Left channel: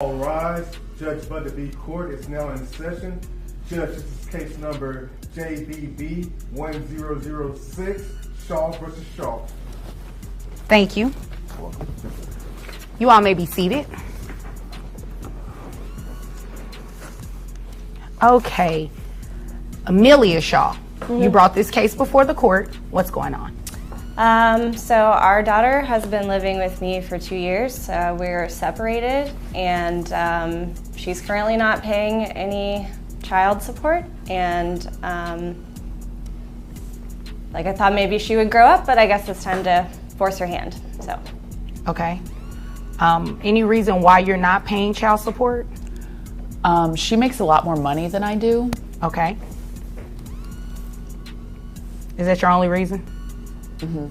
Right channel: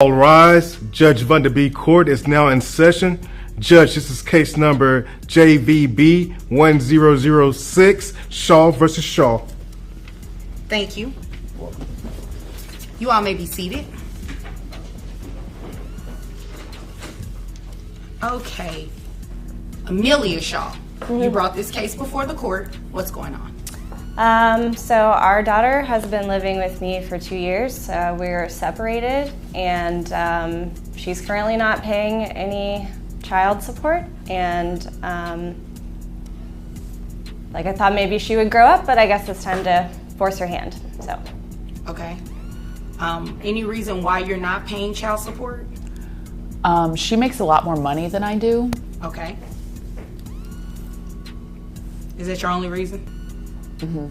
All rise. Judge Vonda B court is now in session. Judge, this is case number JVB 1006, Shaw versus Shaw. Thank you. You all may be seated. Okay. Amelia Shaw, you brought this case before the court. What's going on? So our daughter has been living with me for 2 years. We're separated, and she's currently not paying any child support. And like, I thought maybe she would grow up, but I guess it's time to force her hand. So. Okay. Any reason why you're not paying child support? She makes a lot more money than I do. Okay. Is that your only reason? Mm-hmm.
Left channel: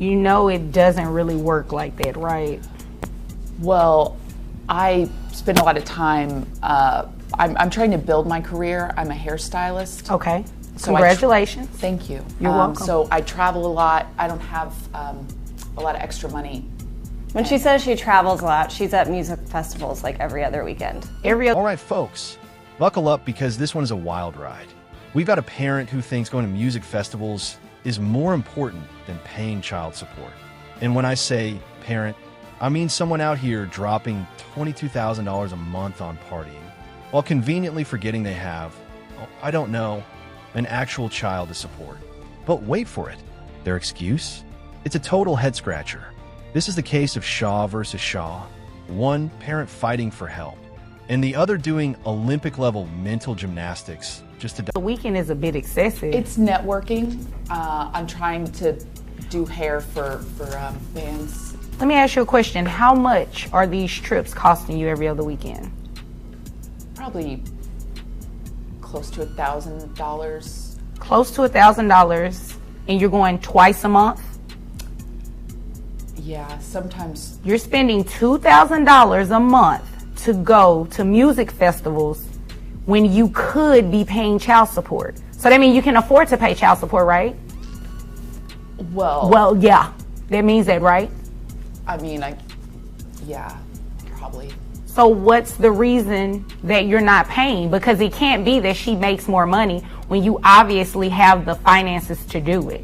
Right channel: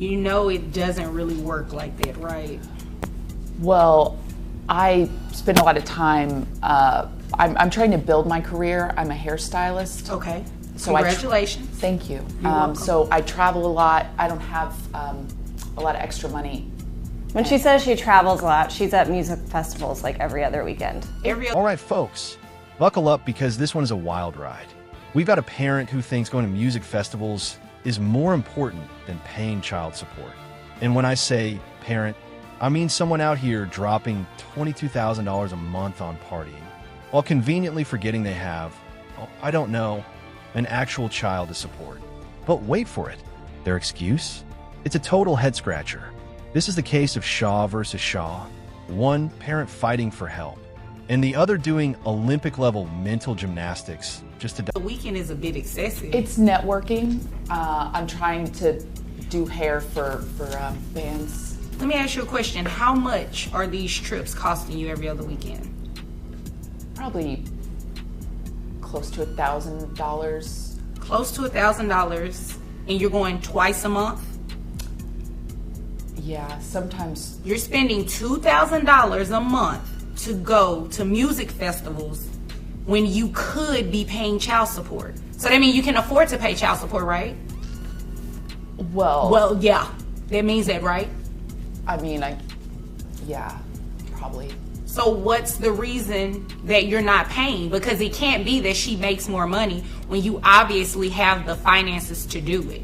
You know it doesn't really work like that, right? Well, I spend a lot of time, I'm trying to build my career. I'm a hairstylist. Okay. So congratulations. Thank you. You're welcome. So I travel a lot. I don't have a lot of extra money. When she says she travels a lot, she's at music festivals like every other weekend. All right, folks, buckle up because this one is a wild ride. We've got a parent who thinks going to music festivals is more important than paying child support. And when I say parent, I mean someone out here dropping $22,000 a month on partying, while conveniently forgetting they have, I don't know, an actual child to support. But wait for it. Their excuse? It's a total head-scratcher. This is the case of Shaw versus Shaw, one parent fighting for help, and the other doing Olympic-level mental gymnastics just to... The weekend is a bit excessive. It's networking. I'm trying to do hair for bands. Let me ask you a question. How much are these trips costing you every other weekend? Probably close to $1,000. Close to $1,000, and you're going twice a month? Yeah, sometimes. You're spending $2,000 a month to go to music festivals when you could be paying child support. So that means you can afford to pay child support, right? Well, yeah. That means that, right? I mean, yeah, probably. So what's the reason that you're not paying? Because it can't be that she makes more money when you obviously have the finances to do it.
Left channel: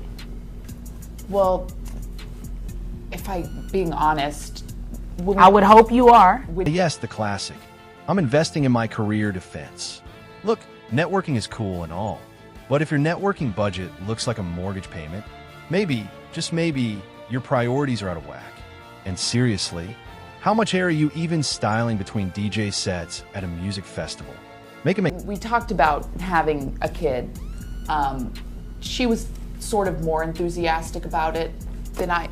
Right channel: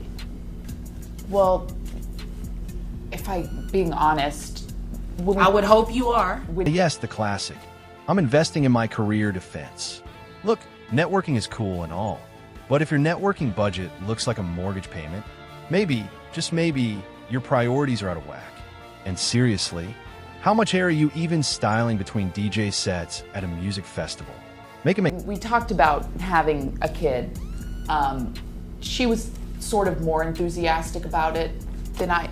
Well, if I'm being honest, I would hope you are. Yes, the classic. I'm investing in my career defense. Look, networking is cool and all, but if your networking budget looks like a mortgage payment, maybe, just maybe, your priorities are out of whack. And seriously, how much hair are you even styling between DJ sets at a music festival? We talked about having a kid. She was sort of more enthusiastic about it than I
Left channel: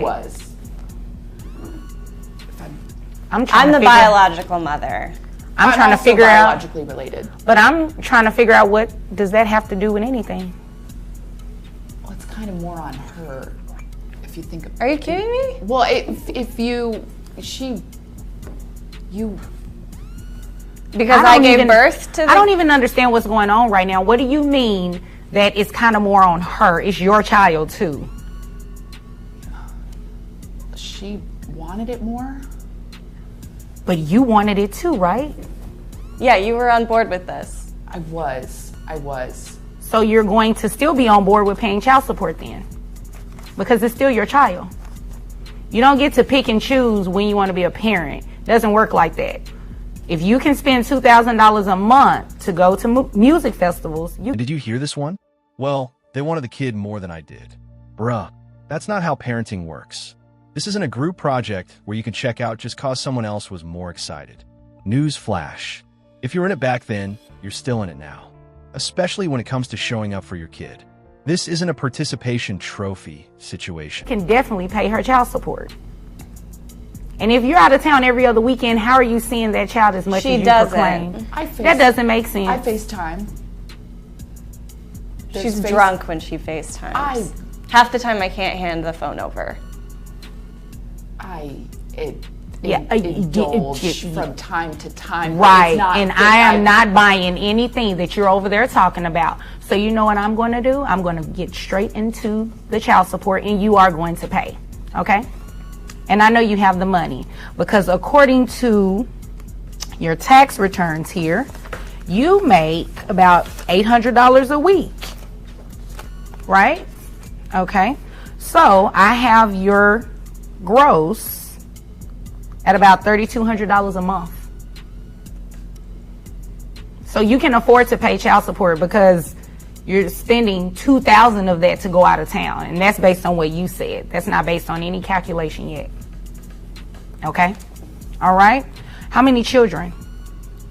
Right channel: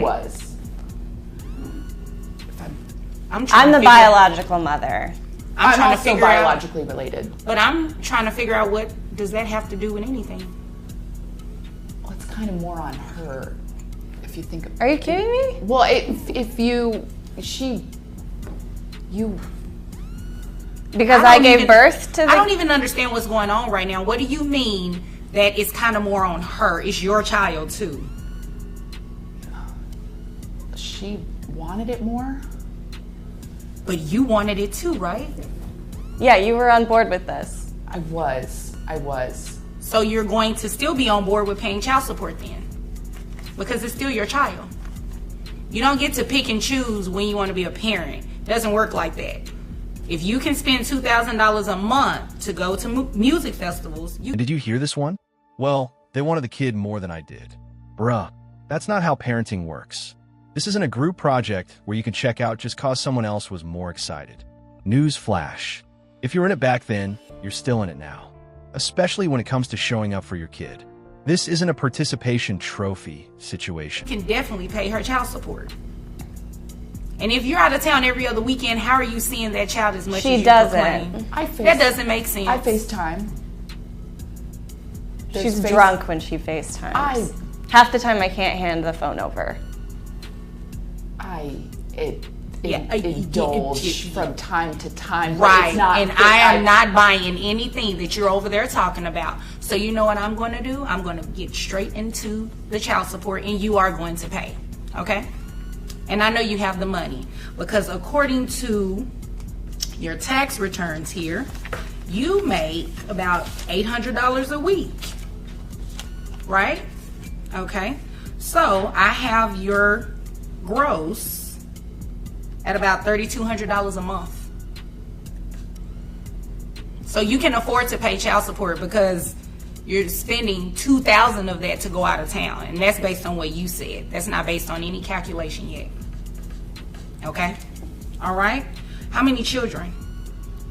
was. I'm the biological mother. I'm trying to figure out biologically related. But I'm trying to figure out, what does that have to do with anything? Well, it's kind of more on her, if you think. Are you kidding me? Well, because I gave birth to. I don't even understand what's going on right now. What do you mean that it's kind of more on her? It's your child too. She wanted it more. But you wanted it too, right? Yeah, you were on board with this. I was. So you're going to still be on board with paying child support then? Because it's still your child. You don't get to pick and choose when you want to be a parent. It doesn't work like that. If you can spend $2,000 a month to go to music festivals... Did you hear this one? Well, they wanted the kid more than I did. Bruh, that's not how parenting works. This isn't a group project where you can check out just cause someone else was more excited. News flash. If you were in it back then, you're still in it now. Especially when it comes to showing up for your kid. This isn't a participation trophy situation. You can definitely pay her child support. And if you're out of town every other weekend, how are you seeing that child as much as you proclaim? That doesn't make sense. I FaceTime. She's drunk when she FaceTimes. Half the time I can't hand the phone over. Indulge from time to time. Right, and I am not buying anything that you're over there talking about. So you know what I'm going to do? I'm going to get straight into the child support, and you are going to pay, okay? And I know you have the money because according to your tax returns here, you make about $800 a week, right? Okay. So I have your gross at about $3,200 a month. So you can afford to pay child support because you're spending $2,000 of that to go out of town. And that's based on what you said. That's not based on any calculation yet. Okay? All right? How many children?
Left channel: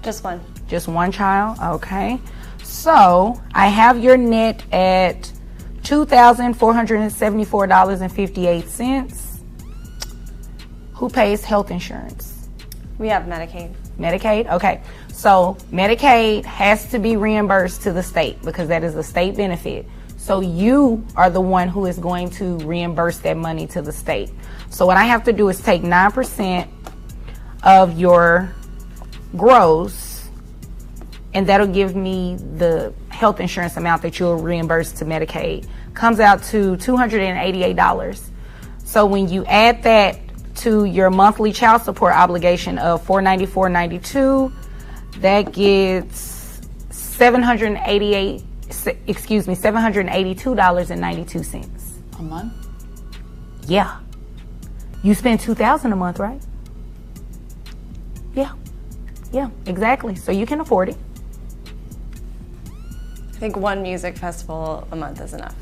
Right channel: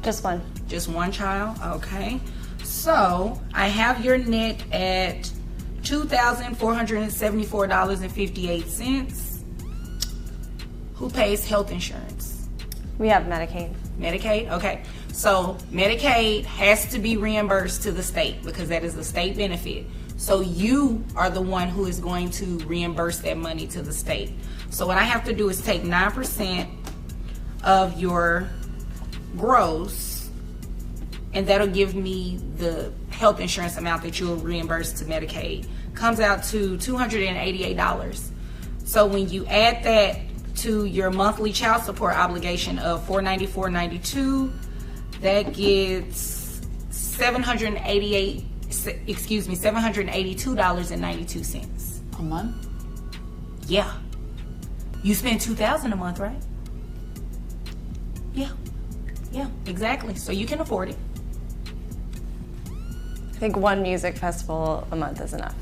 Just one. Just one child? Okay. So I have your net at $2,474.58. Who pays health insurance? We have Medicaid. Medicaid? Okay. So Medicaid has to be reimbursed to the state because that is a state benefit. So you are the one who is going to reimburse that money to the state. So what I have to do is take 9% of your gross, and that'll give me the health insurance amount that you'll reimburse to Medicaid. Comes out to $288. So when you add that to your monthly child support obligation of $494.92, that gets $782.92 A month? Yeah. You spend $2,000 a month, right? Yeah. Yeah, exactly. So you can afford it. I think one music festival a month is enough.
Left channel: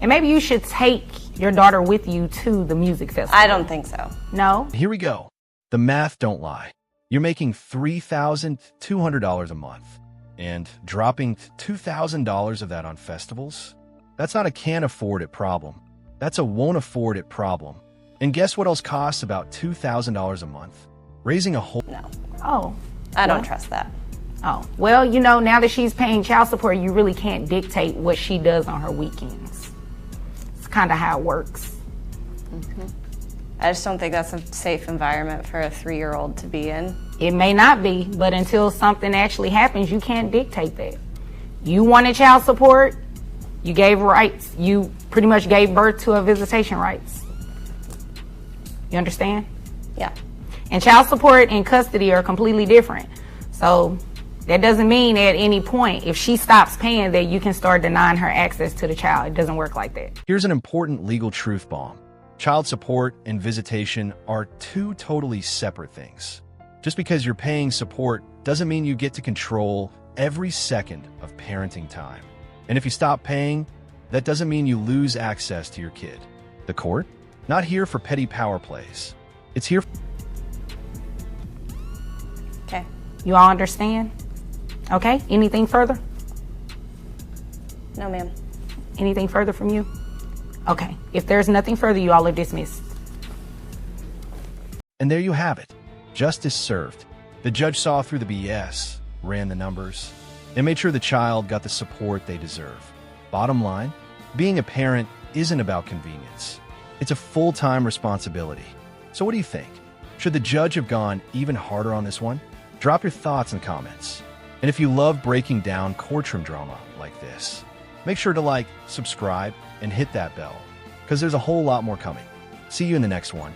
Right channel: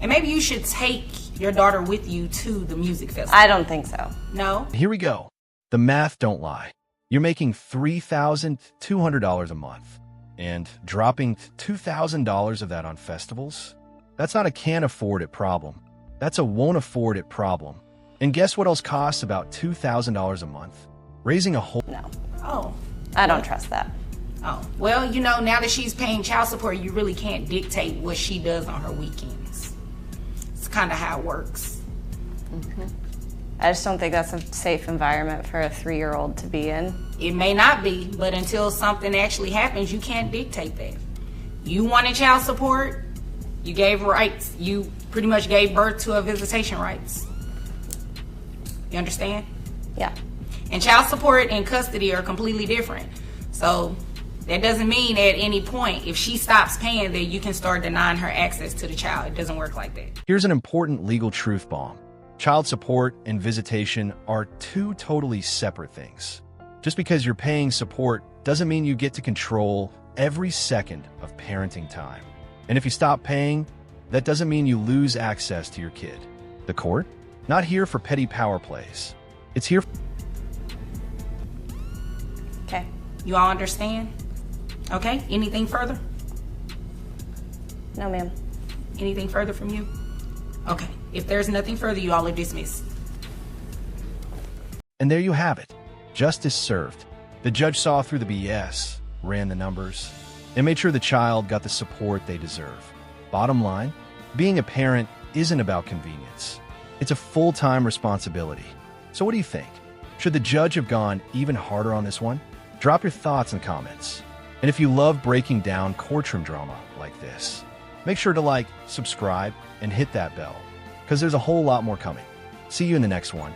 And maybe you should take your daughter with you to the music festival. I don't think so. No? Here we go. The math don't lie. You're making $3,200 a month and dropping $2,000 of that on festivals? That's not a can't afford it problem. That's a won't afford it problem. And guess what else costs about $2,000 a month? Raising a whole... No. Oh. I don't trust that. Oh. Well, you know, now that she's paying child support, you really can't dictate what she does on her weekends. It's kind of how it works. Mm-hmm. I just don't think that's a safe environment for a 3-year-old to be in. It may not be, but until something actually happens, you can't dictate that. You wanted child support, you gave rights. You pretty much gave birth to a visitation rights. You understand? Yeah. And child support and custody are completely different. So that doesn't mean at any point, if she stops paying, that you can start denying her access to the child. It doesn't work like that. Here's an important legal truth bomb. Child support and visitation are two totally separate things. Just because you're paying support doesn't mean you get to control every second of parenting time. And if you stop paying, that doesn't mean you lose access to your kid. The court? Not here for petty power plays. It's here... Okay. You all understand? Okay. Anything further? No, ma'am. Anything further from you? Okay. If there's nothing further, you all are dismissed. And there you have it. Justice served. The judge saw through the BS, ran the numbers, and made sure the child got the support they deserve. Bottom line, being a parent isn't about convenience. It's a full-time responsibility. So what do you think? Should the judge have gone even harder on this one? Drop your thoughts in comments. And if you love breaking down courtroom drama like this, make sure to like, subscribe, and hit that bell, because there's a whole lot more coming. See you in the next one.